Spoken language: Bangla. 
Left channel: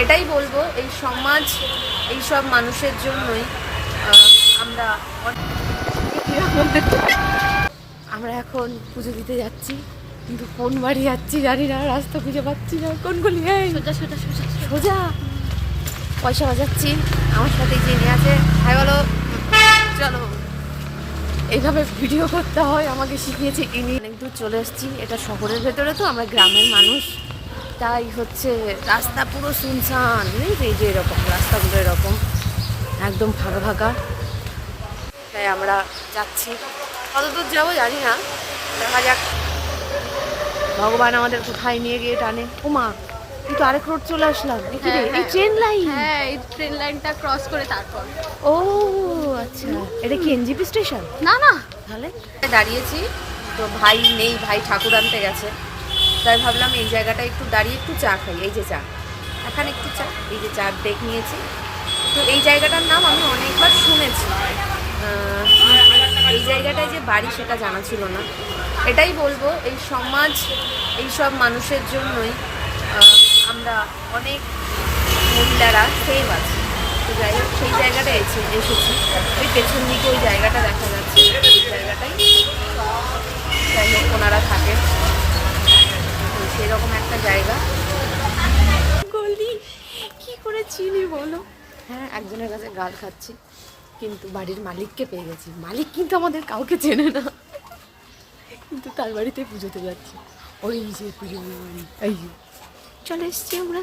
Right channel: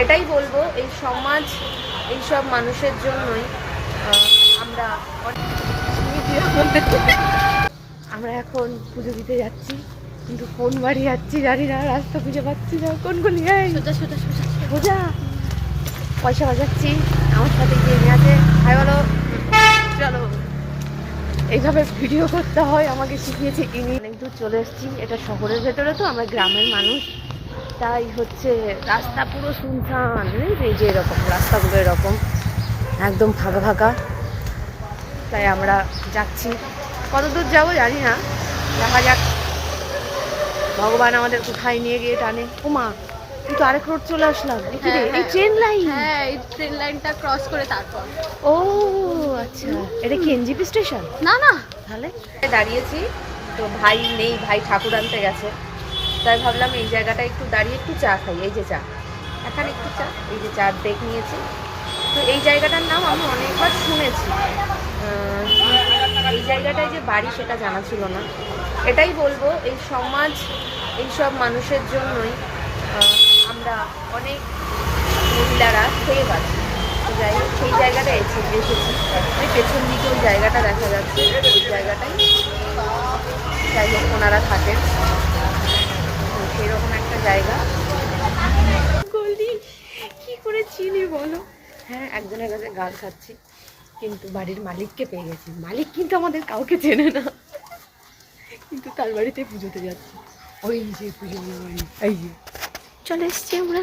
এটাই বলবো, এই সমাজ এই সব মানুষের জন্যই আমরা আমরা এখন পুজো দিতে যাচ্ছি, কিন্তু কোন বাড়ি যাচ্ছি জানি না, রাস্তা খুঁজে পাচ্ছি না। কোন গলিয়ায় সোজা সোজা সোজা সোজা পয়সা বাজাচ্ছি। আমার সাথে যে নিয়ে আছে, হাই বলো, চলো। এইভাবে ভিডিও করতে হয়, আমাকে শিখিয়েছে ইনি। অনেক দূর চলে এসেছি, এটা শহরের ভেতরে তো, আমরা গ্রামের মানুষ, তাই হচ্ছে রাস্তা পুরো শুনশান। এই যে এরকম রাস্তাগুলো এরকম একদম ফাঁকা ফাঁকা, তাই আমরা যাচ্ছি। কত দূর যাবো জানি না, দেখা যাক ভগবান আমাদের কোথায় নিয়ে গিয়ে টানে। ওমা, এই তো আরেক রোড চলে আসলাম। ট্রেন লাইন, হ্যাঁ এই ট্রেন লাইনটা ক্রস করে তারপর। ও আচ্ছা, এটা কি এনজিপি স্টেশন? না না, তাহলে দাঁড়িয়েছি তো, ভাই নেই, ভাই ঠাকুর আনতে গেছে, তাই ভাবলাম এই জায়গাটা একটু দাঁড়িয়ে একটু চা খাই। এই যে চা, এখানে একটু চা, এই যে চা ব্রেক নিয়েছি। তো এই জায়গাটার নাম আমি অনেকবার শুনেছি, এই জায়গাটায় যে বাড়ি সেটা জানা ছিল না। এটাই বলবো, এই সমাজ এই সব মানুষের জন্যই আমরা অনেক মহিলারা সেভ আছি। তো যাই হোক, সেই জায়গাটায় এসেছি। ওই পেছন দিকে ওই জায়গাটা দেখা যাচ্ছে, ওই জায়গাটাই যাই হোক ওনারা থাকেন, সেরকম একটা জায়গা। গলি কি করে চিনি বলো? হ্যাঁ, একজনের কাছে গাল খাচ্ছি, কিন্তু বাড়ির মালিককে পেয়ে গেছি। মালিক কিন্তু আমাদের কাউকে চেনে না, কিন্তু তার বাড়িতে পুজোতে যাচ্ছি। ওই যে পুজো বাড়ি, এই যে চলে এসছি আমরা।